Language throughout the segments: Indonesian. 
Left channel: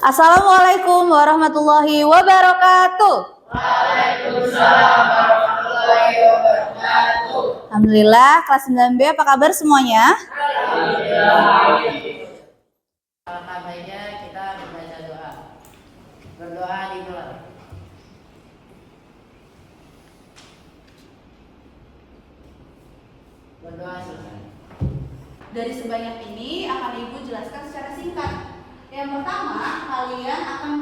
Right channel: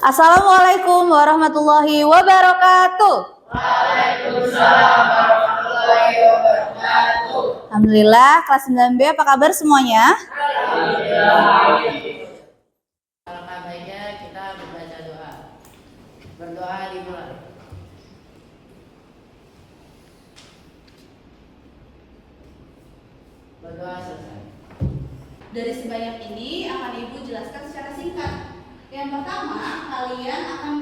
Assalamualaikum warahmatullahi wabarakatuh. Waalaikumsalam warahmatullahi wabarakatuh. Alhamdulillah, kelas 9B apa kabar semuanya? Alhamdulillah. Alangkah baiknya kita membaca doa. Berdoa dimulai. Berdoa selesai. Dari sebanyak ini akan Ibu jelaskan secara singkat. Yang pertama, kalian akan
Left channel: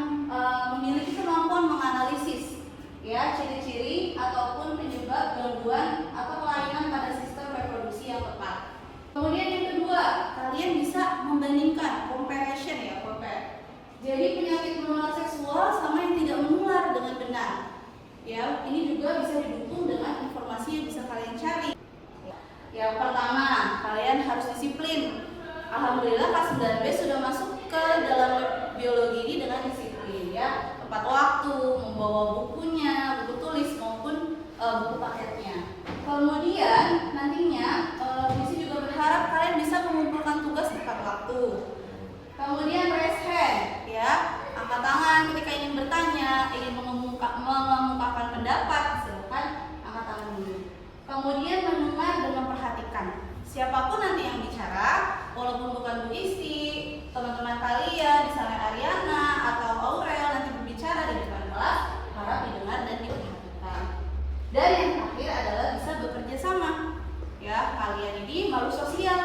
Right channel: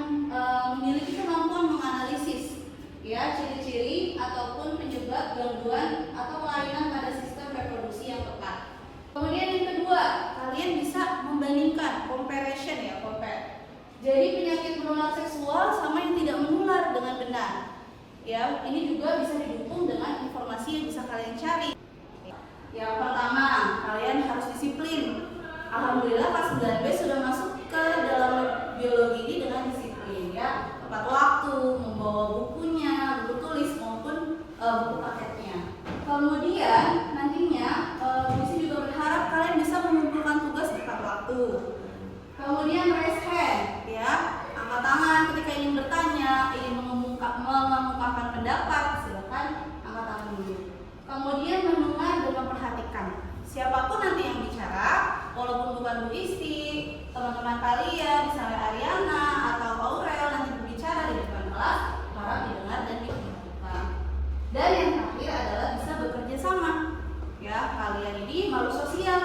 memiliki kemampuan menganalisis ya ciri-ciri ataupun penyebab gangguan atau kelainan pada sistem reproduksi yang tepat. Kemudian yang kedua, kalian bisa membandingkan, comparison ya, compare. Jadi penyakit menular seksual sama yang tidak menular dengan benar. Ya, ini juga bisa didukung dengan informasi yang bisa kalian cari. Yang pertama, kalian harus disiplin. Alhamdulillah kelas 9B sudah masuk ke dalam biologi ini dengan disiplin ya. Tepat waktu, membawa bukunya, buku tulis maupun buku paketnya. Kemudian nantinya Misi juga berharap kalian bisa mengumpulkan tugas tepat waktu. Kemudian raise hand ya, angkat tangan ketika ingin bertanya, ingin mengemukakan pendapat, silakan angkat tangan dulu. Kemudian mendengar dan memperhatikan. Siapapun nanti yang bicara, walaupun bukan Bu Isti, teman-teman kalian, misalnya Ariana atau Aurel nanti berbicara di depan kelas, harap didengar dan diperhatikan. Dan yang terakhir adalah bisa bekerja sama. Ya, kalian ini makhluk sosial.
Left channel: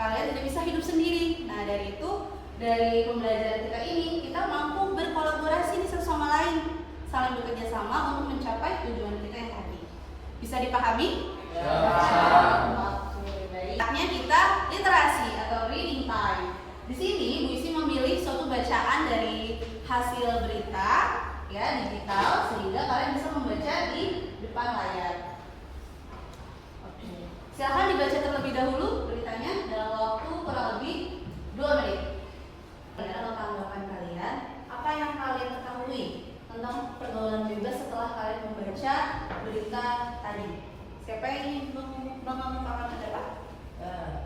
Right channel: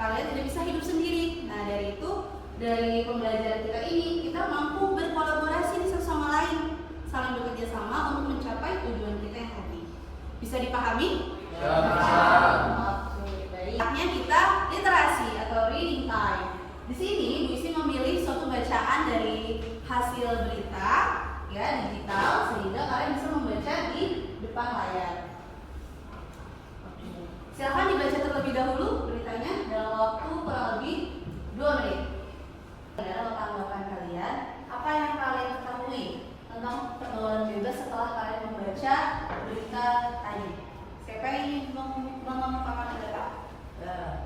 Kalian tidak bisa hidup sendiri. Nah, dari itu, dari pembelajaran kita ini, kita mampu berkolaborasi satu sama lain, saling bekerja sama untuk mencapai tujuan kita yang tadi. Bisa dipahami? Ya. Saatnya kita literasi atau reading time. Di sini Bu Isi memilih suatu bacaan dari hasil berita ya digital sehingga kalian bisa membaca di depan layar. Oke. Silakan dibaca terlebih dahulu beritanya dalam waktu kurang lebih 2 menit. Adalah tanggapan kalian, apa yang kalian ketahui tentang pergaulan bebas setelah kalian membaca berita tadi? Siapa yang ingin mengemukakan pendapat?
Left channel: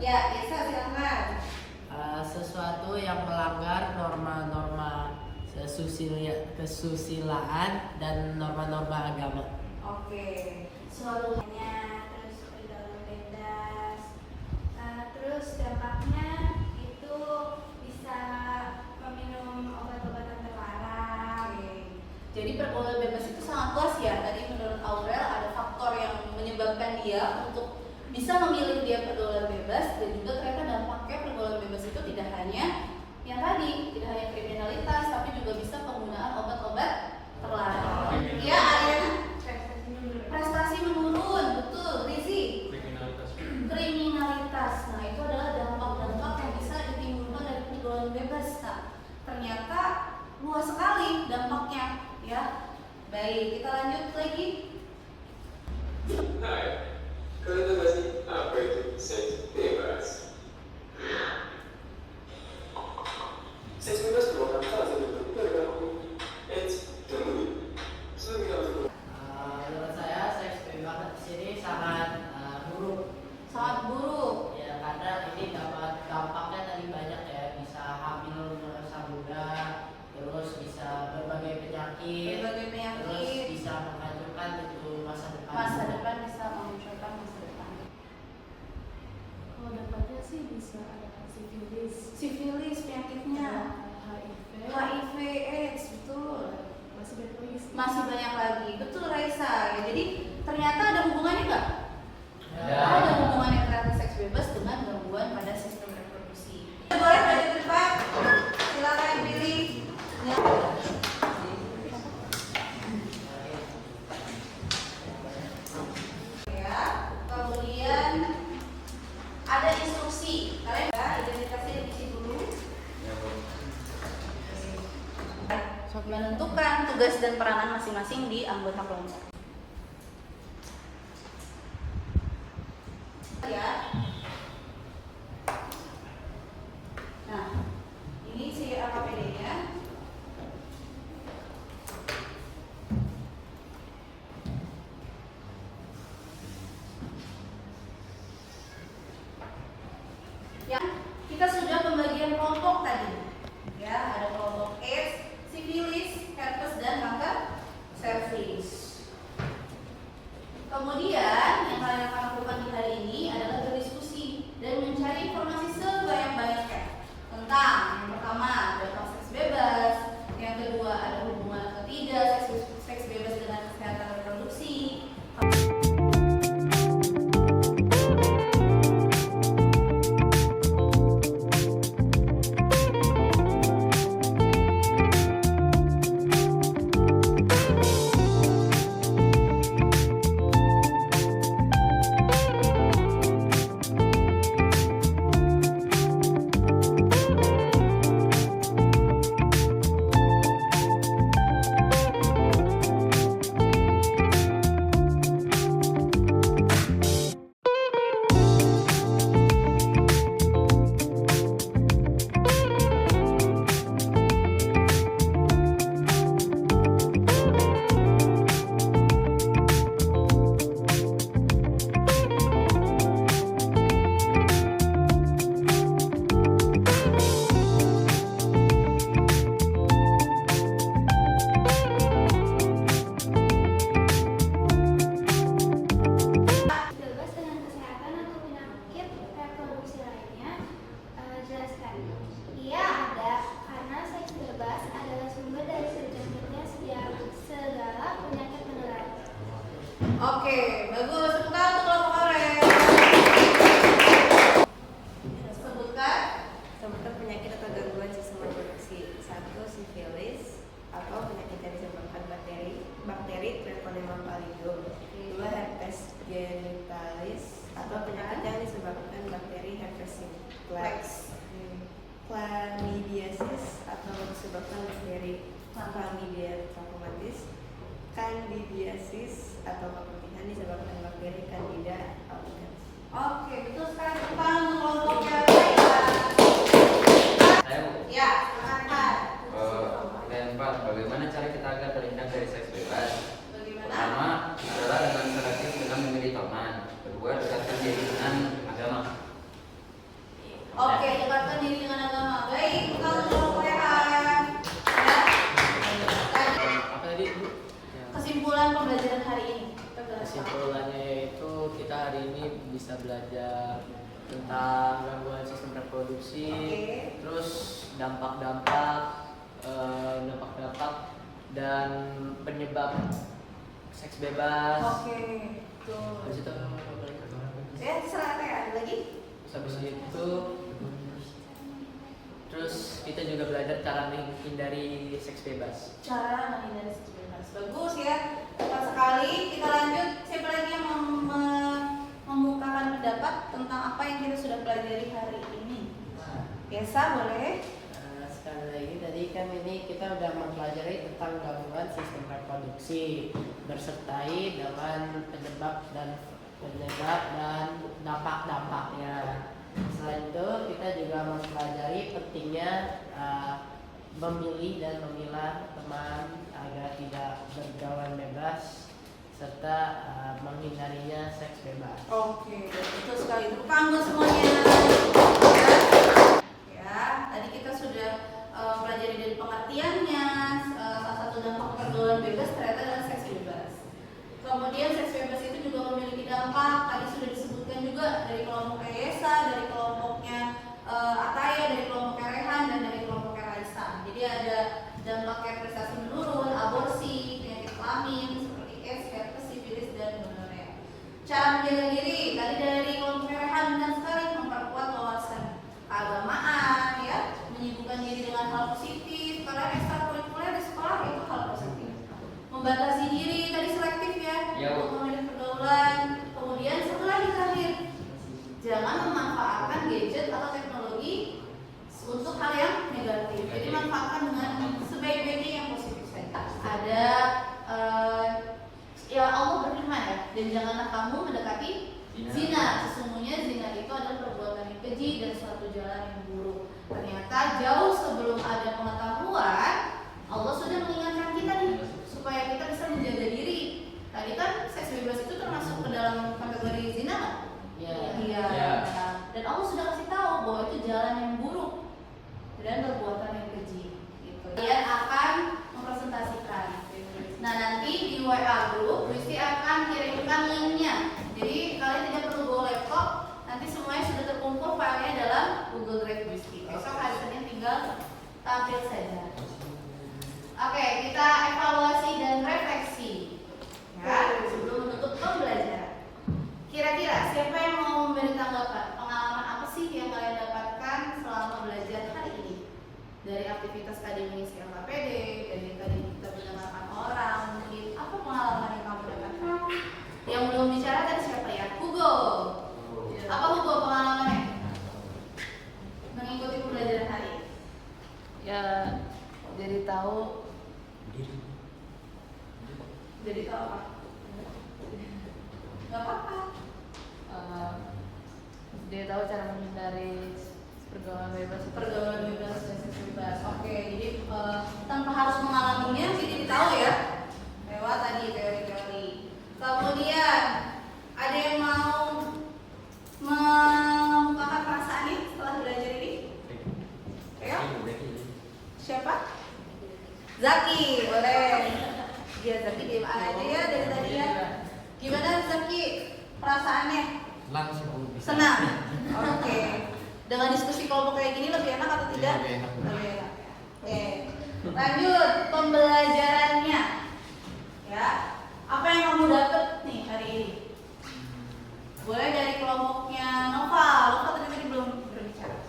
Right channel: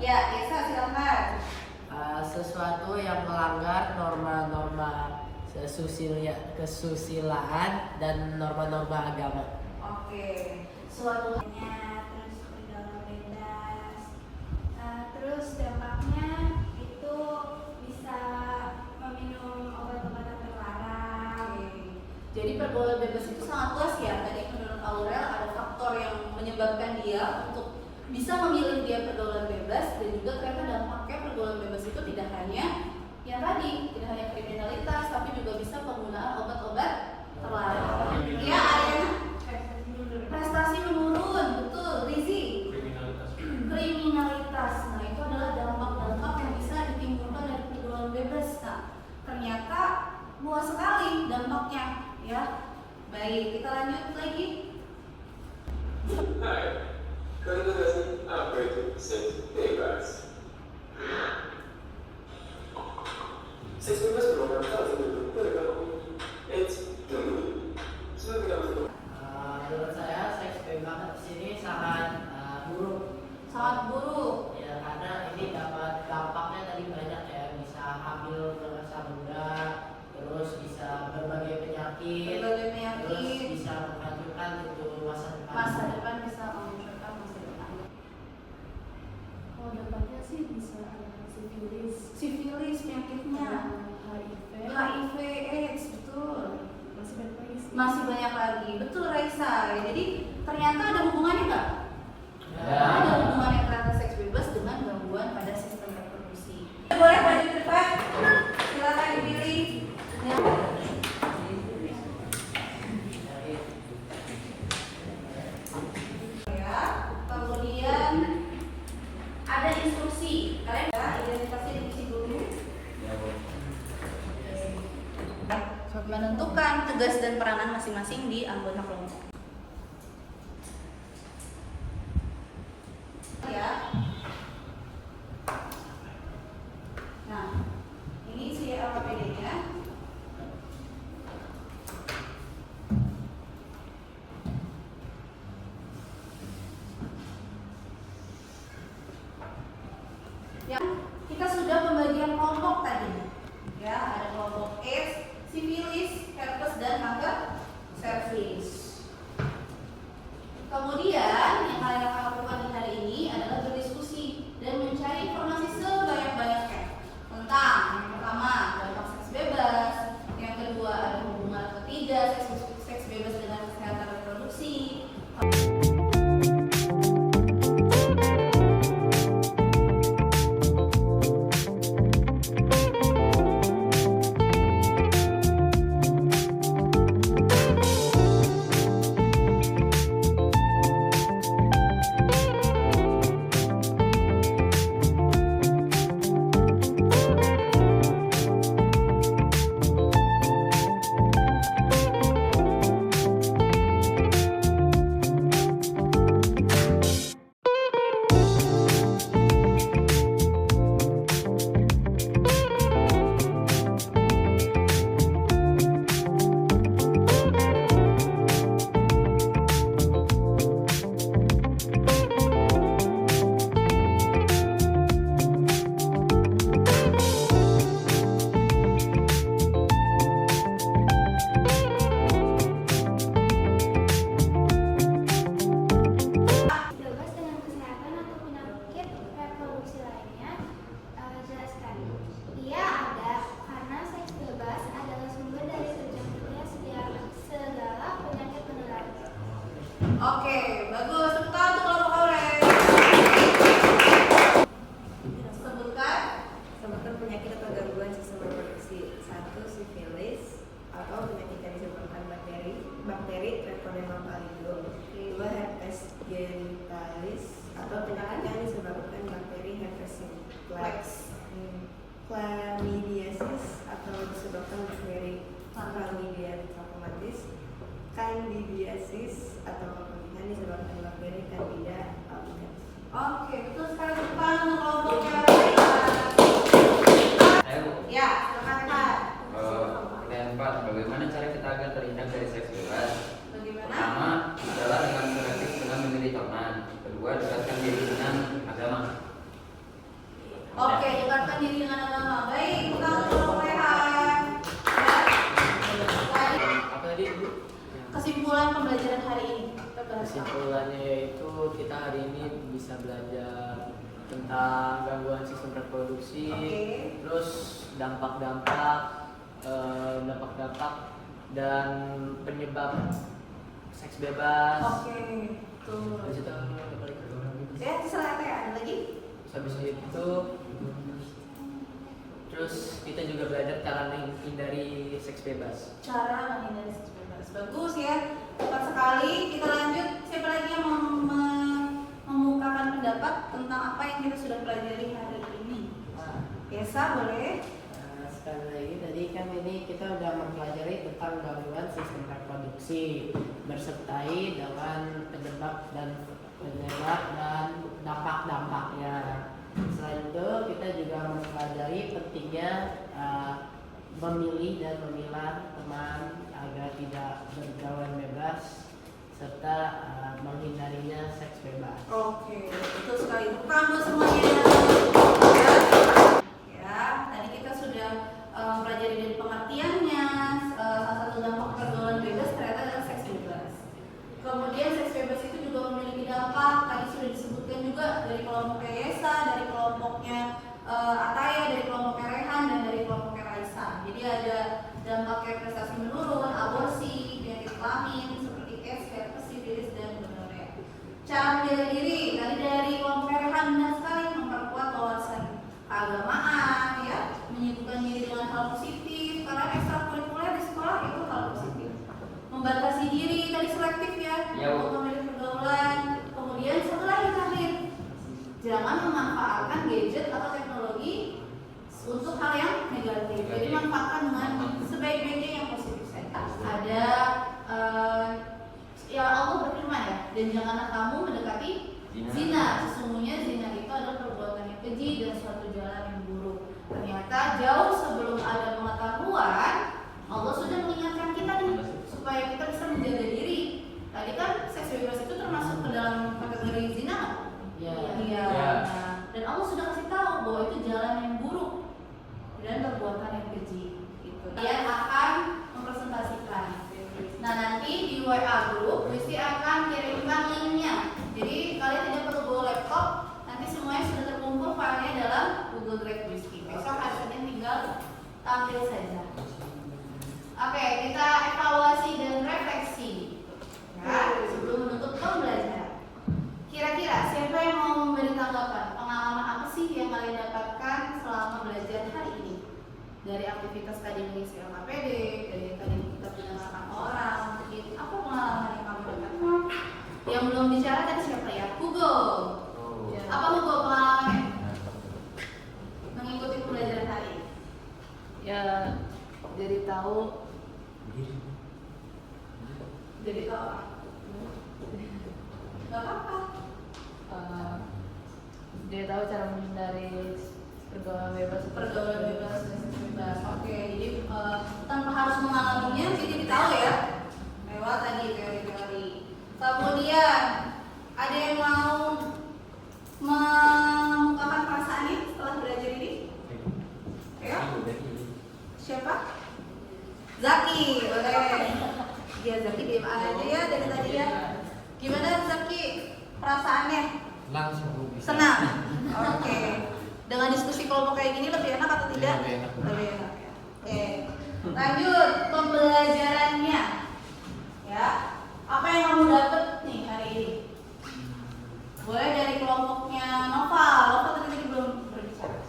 Ya, Isa silakan. Sesuatu yang melanggar norma-norma kesusilaan dan norma-norma agama. Oke. Suatunya terus pergaulan bebas. Terus dampaknya itu bisa meminum obat-obatan terlarang. Jadi pergaulan bebas itu sangat luas ya. Tadi menurut Aurel ada faktor yang menyebabkan dia untuk bisa memilih dia pergaulan bebas, dan juga ternyata dampaknya pergaulan bebas itu tidak hanya yang tadi, tidak hanya kriminalitas, tapi juga bisa penggunaan obat-obat terlarang. Ya, Ariana? Prestasi menurun, betul. Rizi? Kriminalitas. Nah, itu adalah dampak-dampak yang bisa ditimbulkan dari pergaulan bebas. Nah, ternyata luas sekali dampaknya, ya. Baik, kita lanjut lagi. Kalian tahu sih apa itu seks bebas? Seks bebas merupakan salah satu bentuk perilaku Menurut saya seks bebas di sini sangat buruk. Sangat buruk. Ya, karena ini dapat dampaknya tadi banyak ya, bisa hamil masa muda, terus bisa berbagai penyakit, terus bisa menghancurkan untuk masa depan. Masa depan bisa memunculkan masa depan. Kalau dampaknya sih bisa ada Sifilis penyakitnya, HIV, AIDS, betul. masih banyak lagi sih. Masih banyak lagi, betul Raisa. Ya, jadi ternyata ada hubungannya nggak? Ada hubungannya ternyata seks bebas dengan gangguan pada sistem reproduksi. Boleh maju ke depan, silakan dipilih. Ya, kemudian ada instruksi. Kalian ya, identitasnya diisi dulu. Menentukan tugas dan peranan masing-masing di anggota kelompok. Ya. Nah, ini CRPD-nya. Yang kita kita sudah pembagian kelompok tadi. Ya, ada kelompok AIDS, sifilis, herpes dan kanker serviks. Kemudian yang kalian akan lakukan di hari ini adalah berdiskusi dan mencari informasi sebanyak-banyaknya tentang yang pertama dampak seks bebas, yang kedua ada hubungan atau tidak seks bebas dengan kesehatan reproduksi. Bebas dengan kesehatan atau penyakit reproduksi lainnya, jelaskan. Iya ada, karena seks bebas adalah sumber dari terjangkitnya segala penyakit menular. Oke, bagus. Sebutkan untuk kelompok orange. Sebutkan. Sebutkan penyakit atau gangguan sistem reproduksi. 1. Sifilis atau penyakit yang disebabkan bakteri Treponema pallidum. 2. Herpes genitalis atau penyakit yang disebabkan bakteri herpes simplex. Chlamydiasis atau disebabkan bakteri Chlamydia trachomatis. Candidiasis atau keputihan disebabkan bakteri Candida albicans. Oke, betul sekali. Sebutkan untuk kelompok yang Saya Bu. ya, silakan. Pertanyaan 4. Bagaimana cara kita agar terhindar dari seks bebas? Bagaimana? Pertama adalah dengan selektif dengan memilih teman. Kedua, dekatkan diri dengan agama. Oke, dekatkan diri dengan agama. Baik, bukan untuk kelompok rehan. Ya. Tadi Apa tadi Bu? kesimpulan pembelajaran hari ini. Kesimpulannya yaitu kita hari ini bisa belajar tentang gangguan sistem reproduksi, Oke. terus dampak-dampak dan penyebab seks bebas. Oke, betul. Habis itu apa lagi? Ya, terserah ya. Lagi? Terus habis itu terus kita juga belajar cara menghindari seks bebas. Cara menghindari seks bebas. Bagus ya. Tepat sekali. Kita lanjut. Siapa lagi yang mau membukakan pendapat tentang apa yang kita sudah pelajari hari ini? Biasa boleh. Sekali lagi tadi kan ini kita udah mempelajari tentang gangguan sistem reproduksi bersertai dengan penyebab dan dampak-dampaknya. Selain itu kita juga mempelajari pentingnya memilih dan memilah teman agar tidak bergaul bebas serta menghindarinya seks bebas. Oke, betul sekali. Kamu semuanya. Ya, tadi kita sudah pelajari dari pengertiannya. Salah satu dampak pergaulan bebas ternyata adalah seks bebas. Kemudian seks bebas itu juga memiliki dampak. Tadi sudah disebutkan juga dari kelompoknya Yesa, dari kelompoknya Ataya, dari kelompoknya Rehan, dan dari kelompoknya Raisa. Jadi ada dampaknya prestasi menurun, aborsi, penyakit kelamin seperti AIDS, herpes, sifilis, dan gonorrea. Cara menjaga diri tadi dari kelompoknya Rehan benar sekali, memperkuat wawasan keagamaan, ya, menyibukkan diri dengan hal positif, karena ekstrakurikuler di sekolah itu hal positif. Membatasi diri tadi selektif ya, untuk memilih pergaulan. Kemudian satu lagi terakhir, jangan memanfaatkan gadget atau teknologi untuk hal yang negatif. Jadi manfaatkan dengan sebaik-baiknya yang positif saja. Ada ya Allah berfirman ya, dan janganlah kamu mendekati zina. Sesungguhnya zina itu adalah perbuatan yang keji dan suatu jalan yang buruk. Ternyata jauh sebelum ada pengetahuan, Allah sudah mengingatkan kita nih supaya kita bisa menjaga diri. Tadi kan seks bebas itu termasuk ke dalam kategori zina nggak? Iya. Iya. Iya. Nah, dan Allah sudah kasih tahu bahwa itu jalan yang buruk dan perbuatan yang keji. Gitu. Kalian akan mempresentasikan. Nah nanti di WA group Wisti akan kirimkan linknya. Jadi kalian tidak perlu bawa laptop. Nanti semuanya sudah terkumpul filenya dalam Google Drive Wisti. Besok hari Senin tinggal tampil saja. Oke, kita evaluasi dan refleksi. Ya, sebelum menutup pembelajaran. Kira-kira siapa yang mau memberi tanggapan? Pengalaman apa sih yang kalian dapatkan selama belajar hari ini? Dari aktivitas tadi mengisi LKPD, dari tadi kita mendengarkan orang, mungkin apa pengalaman yang kamu dapatkan? Yang belum bicara tadi siapa ya? Hugo. Apa Hugo pengalamannya? Mengikuti pembelajaran hari ini? Ya, jadi tahu apa? Gak apa-apa. dia tahu cara menghindari pergaulan bebas. Oke, jadi tanpa harus mengalaminya jadi tahu ya lewat tadi teori-teori. Kemudian ada yang mau mengemukakan perasaannya setelah belajar ini? Ayo. Siapa? Zaki, boleh. Dia Zaki diem aja ya dari tadi ya. Gimana Zaki perasaannya? Langsung bisa. Senang. Oke. Dengan diskusi kelompok kayak gini lebih enak atau tidak? Lebih enak. Lebih enak. Oke. Lanjut pembelajarannya. Ya. Apa yang kamu dapat nih hari ini? Boleh dari kelompoknya Noval. Noval tadi belum berbicara.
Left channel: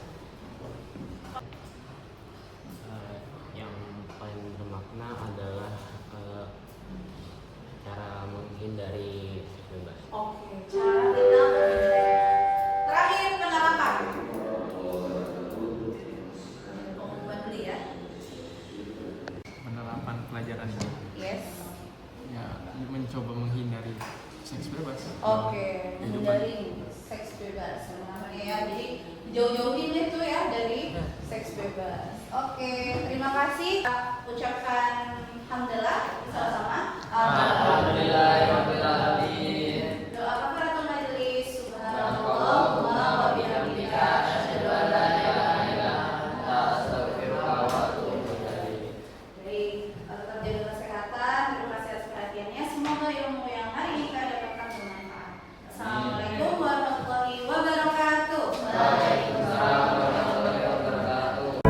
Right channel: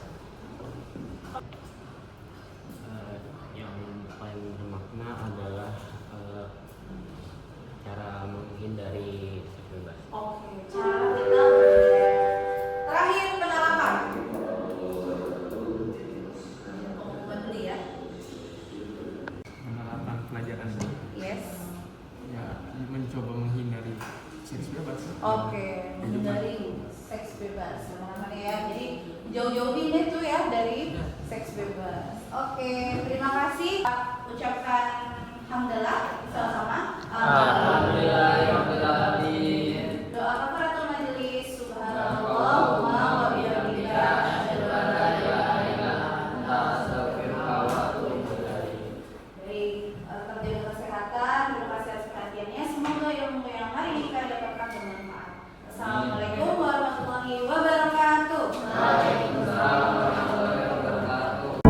Yang paling bermakna adalah cara menghindari seks bebas. Oke, cara kita terakhir penerapan. Buat dulu ya. Penerapan pelajaran ini Yes. ya mencoba menghindari seks bebas. Oke, Kehidupan. dari seks bebas. Nah, ya, jadi jauh-jauhin itu ya dari seks bebas. Oke, terima kasih. Ucapkan hamdalah sama-sama. Alhamdulillahirobbilalamin. Doa kafaratul majelis. Subhanallahumma wa bihamdika asyhadu an la ilaha illa anta astaghfiruka wa atubu ilaik. Baik, tetap jaga kesehatan. Terima kasih atas perhatiannya. Semoga ilmu yang hari ini kita dapatkan bermanfaat. Assalamualaikum warahmatullahi wabarakatuh. Waalaikumsalam warahmatullahi wabarakatuh.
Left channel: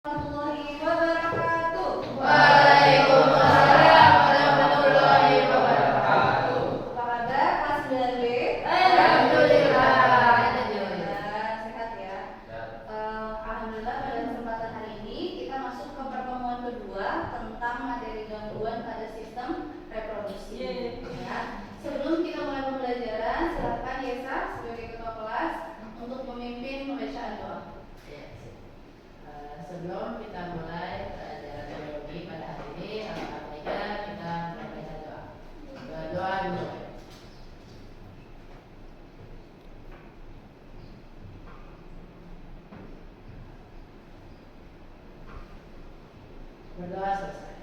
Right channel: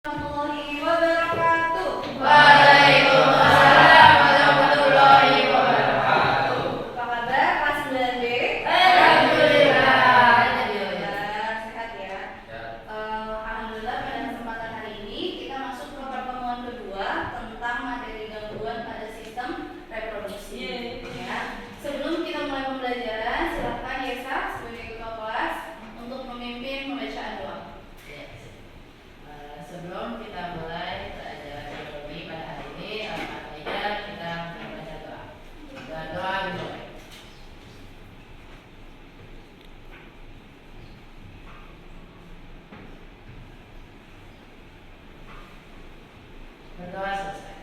Warahmatullahi wabarakatuh. Waalaikumsalam warahmatullahi wabarakatuh. Apa kabar kelas 9B? Alhamdulillah. Alhamdulillah, sehat ya. Alhamdulillah pada kesempatan hari ini kita masuk ke pertemuan kedua tentang materi gangguan pada sistem reproduksi. Ya. Sebelum kita mulai pembelajaran, silakan Yesa sebagai ketua kelas untuk memimpin pembacaan doa. Sebelum kita mulai pelajaran biologi pada hari ini, alangkah baiknya kita membaca doa. Doa dimulai. Berdoa selesai.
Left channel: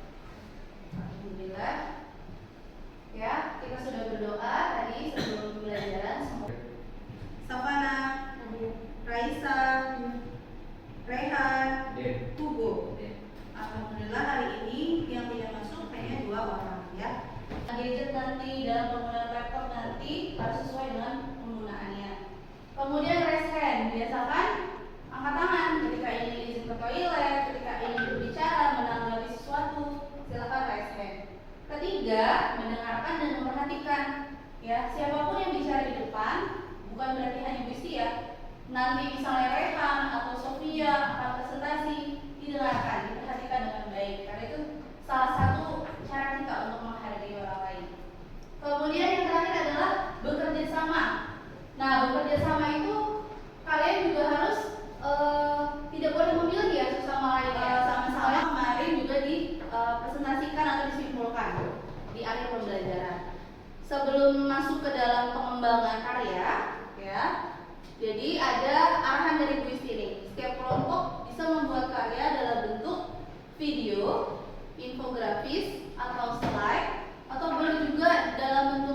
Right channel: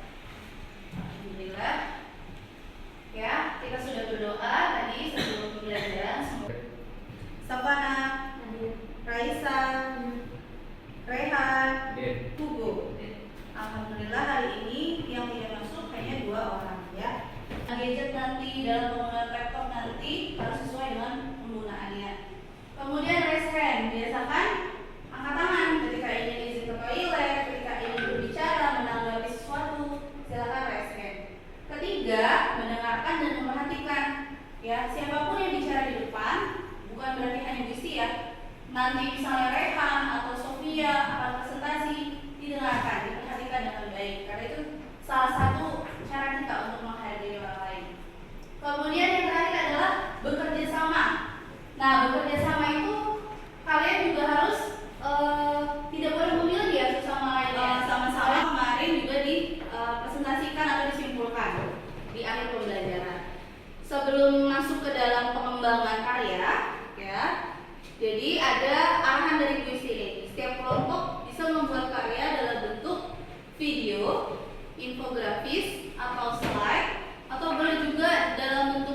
Alhamdulillah. Ya, kita sudah berdoa tadi sebelum pembelajaran. Savana, Raisa, Rehan, Hugo. Alhamdulillah hari ini yang tidak masuk hanya 2 orang ya. Gadget nanti dalam penggunaan laptop nanti harus sesuai dengan penggunaannya. Kemudian raise hand, biasakan angkat tangan ketika ingin izin ke toilet, ketika ingin berbicara, menanggapi sesuatu, silakan raise hand. Ketiga, mendengarkan dan memperhatikan. Ya, siapapun yang bicara di depan, bukan berarti hanya Wisti ya. Nanti misalnya Rehan atau Sofia akan presentasi, didengarkan, diperhatikan dengan baik. Karena itu salah satu cara kita untuk menghargai orang lain. Kemudian yang terakhir adalah bekerja sama. Nah, bekerja sama itu kalian juga harus tidak boleh memilih ya satu sama lain. Sama-sama kemarin juga dipresentasikan atau disimpulkan di akhir pembelajaran. Sebelum masuk ke dalam pengembangan karya, ya. Jadi ada arahan dari kuis ini. Setiap kelompok bisa membuat karya dalam bentuk video, infografis, atau slide, atau boleh juga dalam bentuk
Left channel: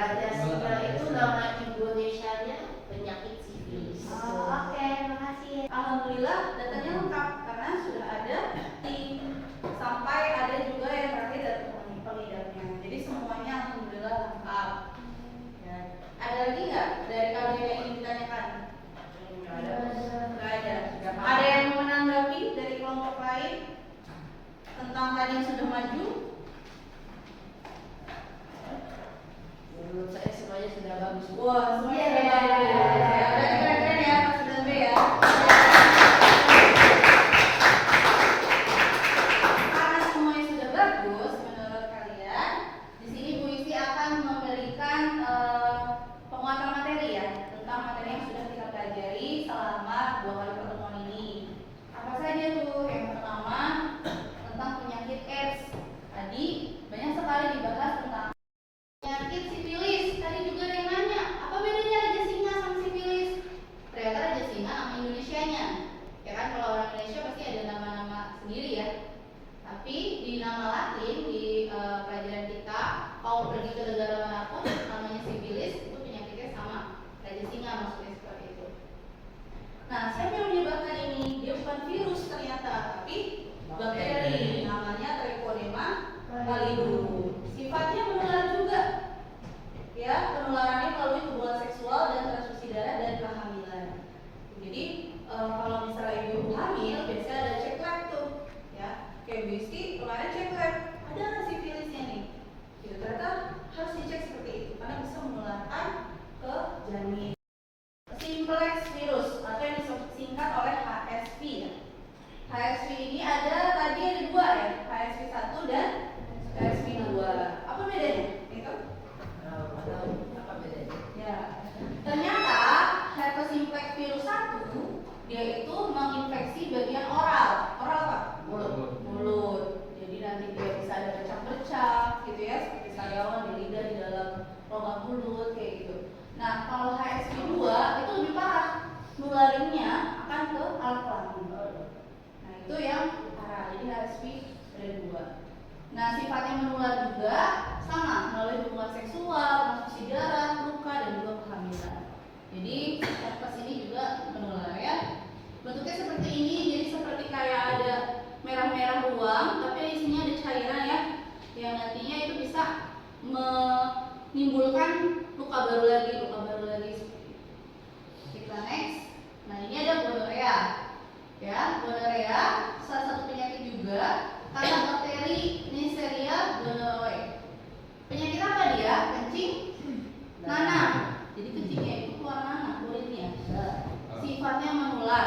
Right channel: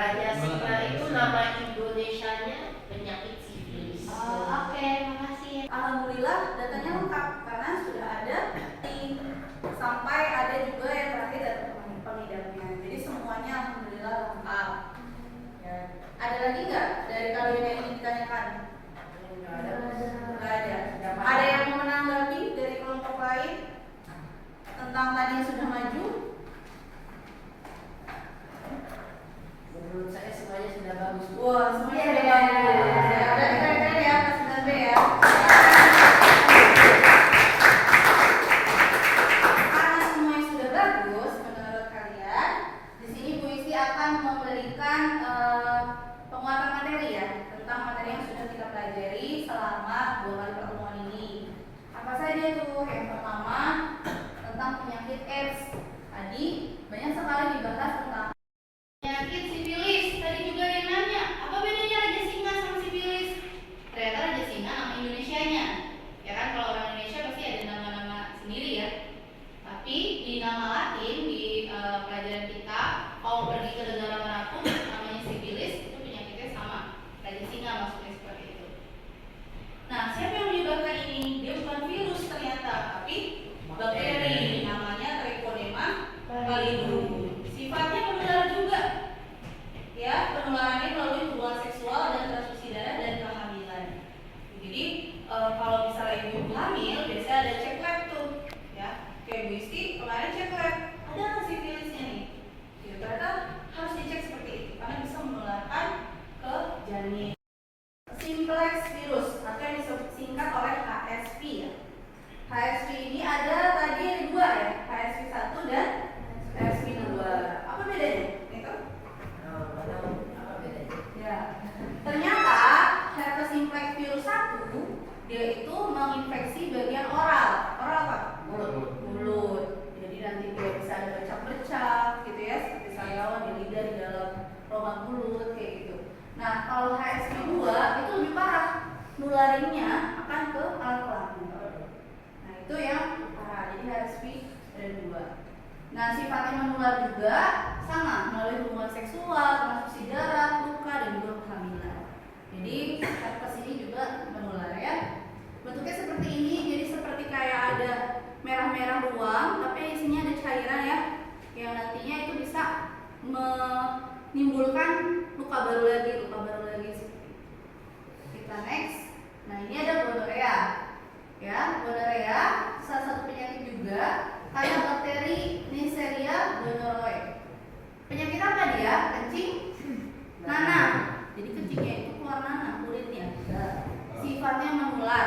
Raja singa itu nama Indonesianya penyakit sifilis. Oke, makasih ya. Alhamdulillah datanya lengkap karena sudah ada sampai ada juga yang terakhir dari pengidapnya. Jadi semuanya alhamdulillah lengkap. Ya. Ada lagi nggak dari kalian yang ingin ditanyakan? Nggak ada. Nggak ada. Ada yang mau menanggapi dari kelompok lain tentang tadi yang sudah maju? Menurut saya semuanya sudah bagus. Wah, semuanya sudah bagus. Ya, berarti keren ya Mas Dambe ya. Karena semuanya sudah bagus menurut kalian, di sini Bu Isi akan memberikan penguatan materi ya tentang materi yang sudah kita pelajari selama 2 kali pertemuan ini. Apa saja tuh? Yang pertama tentang penyakit AIDS. Tadi banyak sekali dibahas tentang penyakit sifilis. Tadi juga ada yang nanya, apa bedanya raja singa sama sifilis? Ternyata raja singa nama Indonesianya. Ya kan, kalau orang Indonesia pasti ada nama-nama sendiri ya. Tapi di nama Latin di pelajaran kita, kalau pergi ke negara manapun namanya sifilis itu penyakitnya sama. Raja singa maksudnya seperti itu. Nah, siapa yang menyebabkan ini? Dia bukan virus ternyata, tapi bakteri. Namanya Trichoderma pallidum. Sifatnya menular juga. Ya, penularannya melalui hubungan seksual dan transfusi darah dan kehamilan. Jadi kalau misalnya ibu hamil, biasanya ada cek lab tuh, ya. Kayak Bu Isti kemarin cek lab, ada nggak sifilisnya nih? Gitu, ternyata harus dicek seperti itu karena bisa menularkan ke janin. Simplex virus atau yang disingkat oleh HSV ya. HSV ini ada tadi ada 2 ya, HSV 1 dan HSV 2. Apa bedanya? Itu? Apa bedanya? Ya. Ternyata herpes simplex virus 1 dia itu menginfeksi bagian oral. Oral apa? Mulut. Jadi nanti dia bisa ada bercak-bercak gitu ya, seperti sariawan di lidah di dalam rongga mulut kayak gitu. Nah, kalau HSV 2 itu lebih parah. Nularinnya akan ke alat kelamin. Nah, itu yang parah. Jadi HSV ada 2. Nah, sifatnya menular juga sama melalui hubungan seksual, transfusi darah, luka dan juga kehamilan. Jadi herpes ini juga menular ya. Bentuknya seperti ini, jadi seperti kayak ada merah-merah ruang, tapi isinya ada cairan ya, yang nantinya itu bisa menimbulkan luka baru lagi seperti itu. Kita next. Nah, ini ada gonorrea. Ya, gonorrea salah satu penyakit juga karena bakteri Neisseria gonorrhoeae. Penyakit apa dia? Kencing nanah. Jadi kencingnya itu keluar nanah kulitnya. Sifatnya menular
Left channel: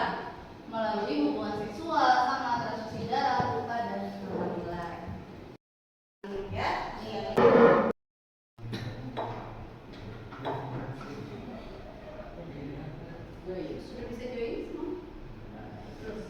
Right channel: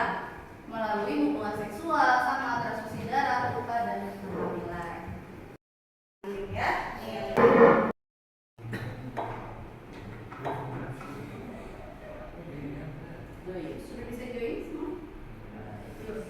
melalui hubungan seksual sama transfusi darah, luka dan kehamilan. Ya, ini. Sudah bisa join semua? Terus.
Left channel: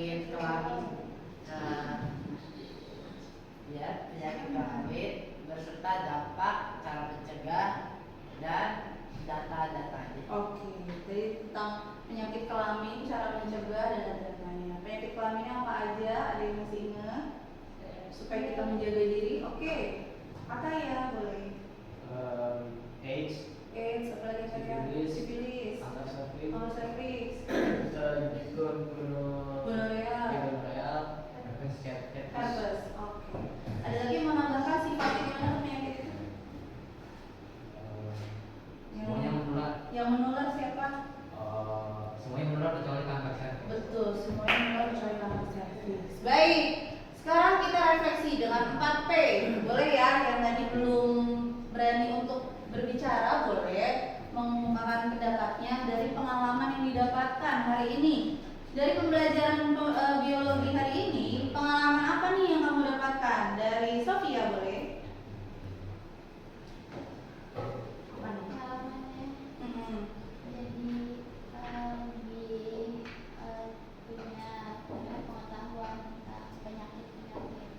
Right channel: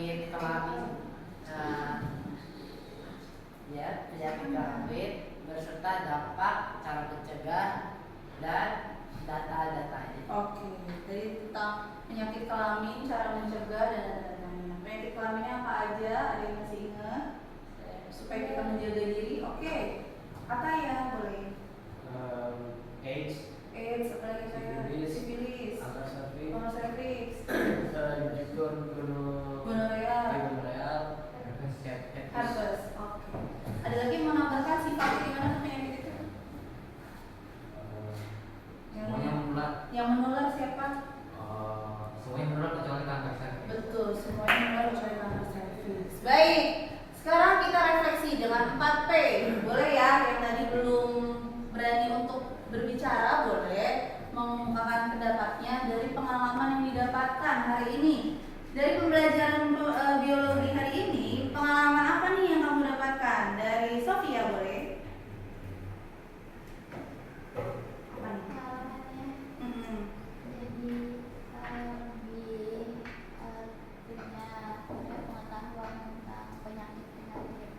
penyakit kelamin, penyakit kelamin berserta dampak, cara mencegah dan data-datanya. Oke, jadi tentang penyakit kelamin, cara mencegah dan data-datanya. Penyakit kelaminnya apa aja? Ada yang masih ingat? supaya kita menjaga diri. Oke. Ataya boleh. AIDS, Apalagi Sifilis, sifilis, kanker cervix, cervix, gonorrhea, gonorrhea, herpes. Oke. Ada lagi mau nambahkan sifat gimana penyakit itu? Semuanya menular. Yang menular siapa? Semuanya menular kecuali kanker cervix. Betul, semuanya menular kecuali kanker cervix. Baik. Sekarang kita refleksi dengan 4P. Boleh ya, yang tadi belum berani untuk berbicara boleh mengungkapkan pendapatnya dari pengalaman yang didapatkan hari ini. Dari pembelajaran biologi hari ini, pengalaman apa nih yang kamu dapatkan? Dari Sofia boleh? Pengalamannya Mm-mm. jadi punya pengetahuan tentang penyakit-penyakit.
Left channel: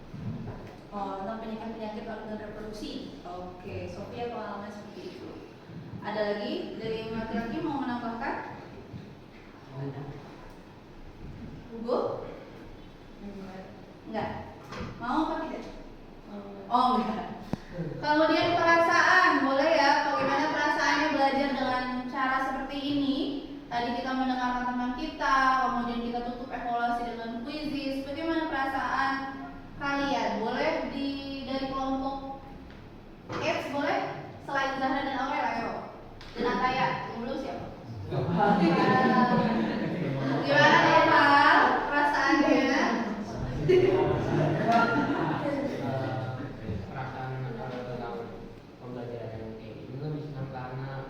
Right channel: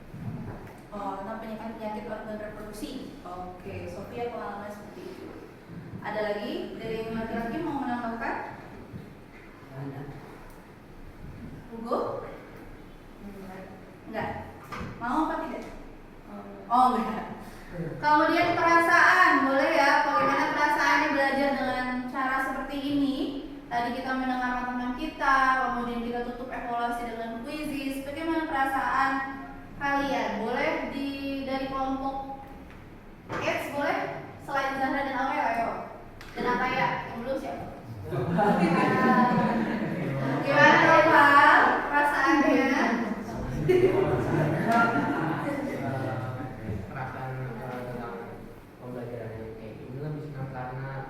Oh, tentang penyakit-penyakit organ reproduksi. Oke, Sofia pengalaman seperti itu. Ada lagi dari yang laki-laki mau menambahkan? Hugo? Enggak. Mau apa tidak? Oh, enggak. Kemudian perasaan, boleh ya? Bagaimana perasaannya belajar dengan cara seperti ini? Tadi kita mendengarkan teman kita, kemudian kita tutup evaluasi dengan kuisis. Bagaimana perasaan kalian? Boleh dari kelompok AIDS boleh? Selain Zahra dan Aurel, ayo. Dan Ataya, yang dulu siapa? Gimana Nopal? Perasaannya? Perasaan tentang pembelajaran yang kayak gini lebih senang karena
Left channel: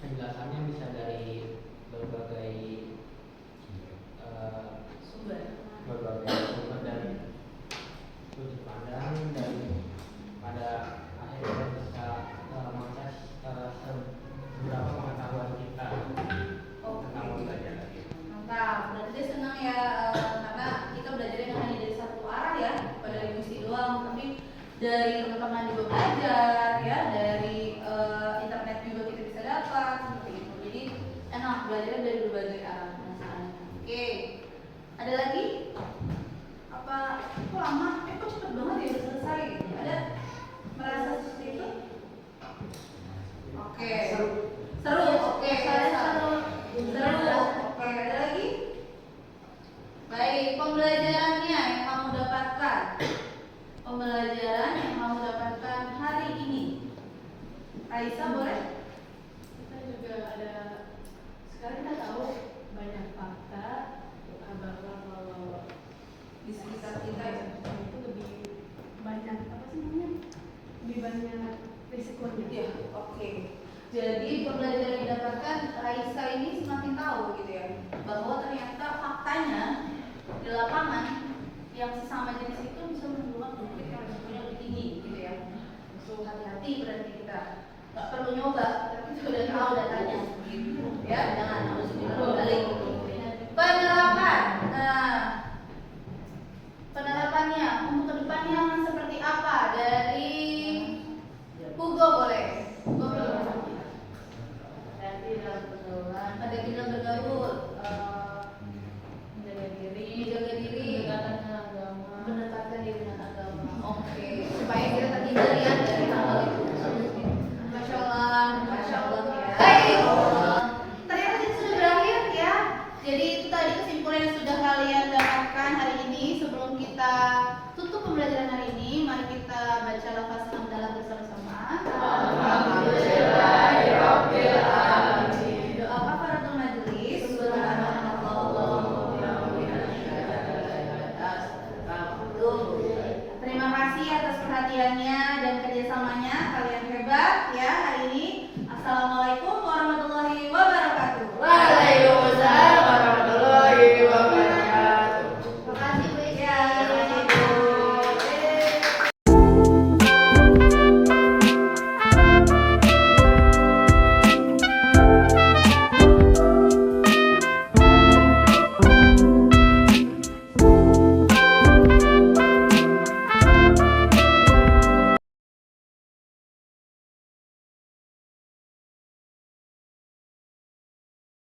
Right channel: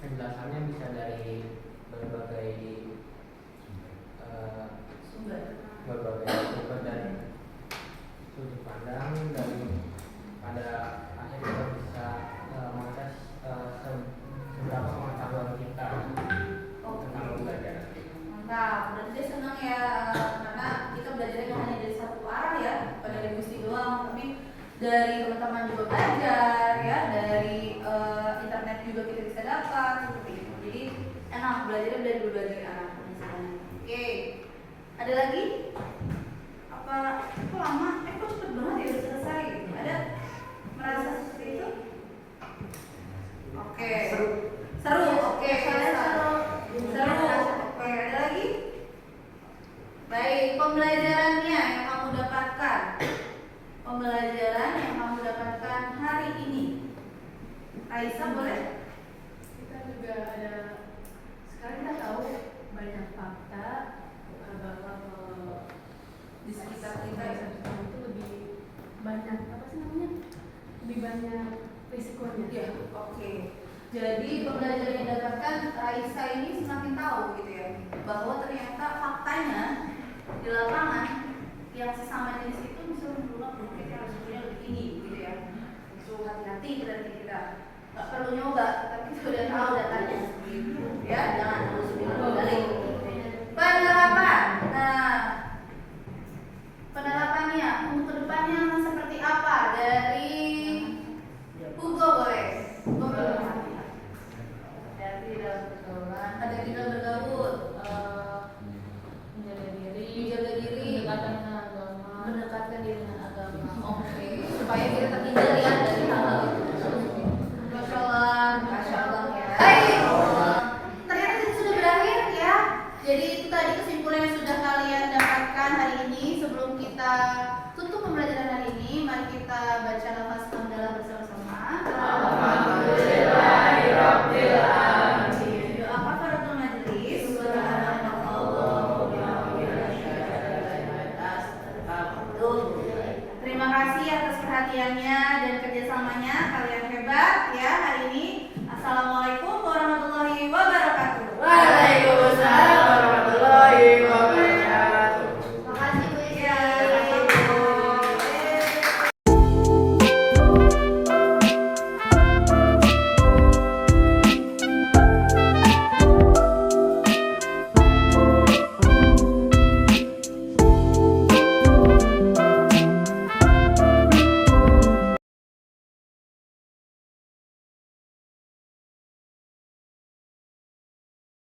penjelasannya bisa dari berbagai sumber dan sudut pandang, dan pada akhirnya bisa mengakses beberapa pengetahuan kita tentang pembelajaran. Mantap, berarti dia senang ya karena kita belajarnya hanya dari satu arah ya, bukan dari musik doang, tapi dari teman-teman juga belajar ya, dari internet juga kita bisa dapat seperti itu. Jadi enak belajarnya dari berbagai arah misalnya. Oke, ada lagi? Apa? Kok lama? Kok cepet banget ya udah selesai gitu? Ada merasa seperti itu? Oke. Seru. Oke. Seru. Oke, ada lagi? Baik, pembelajarannya yang kamu dapatkan. Pembelajaran yang kamu dapatkan hari ini. Aisyah boleh? Kita juga ada, sekarang kita tahu banyak fakta bahwa kalau Di sekitar kita ya. itu lebih banyak apa sih namanya? Lebih banyak risikonya. Ya, oke. Jadi pembelajaran yang didapatkan Raisa ini semakin tahu gitu ya, bahwa ternyata faktanya di lapangan yang sesama jenis itu bisa membuat penyakit yang risikonya lebih tinggi gitu ya. So hati-hati berarti kita nggak perlu nyoba, tapi kita udah tahu datanya gitu ya. Jangan harus balik. Penerapan. Nah, penerapannya untuk kedepannya seperti apa? Dari Hugo boleh. Ada tidak bergaul, menjaga diri, mendekatkan diri dengan agama. Oke, supaya kita terhindar ya dari hal-hal itu. Masya Allah ya. Baik, ternyata itu sudah berakhir ya. Jadi itu tadi kesimpulan yang sudah kalian dapatkan hari ini. Sebelum kita tutup pembelajaran hari ini, mari kita baca lafaz hamdalah bersama-sama. Alhamdulillahirabbil alamin. Doa kafaratul majelis. Terima kasih atas perhatiannya dan kerjasamanya, kalian hebat ya hari ini.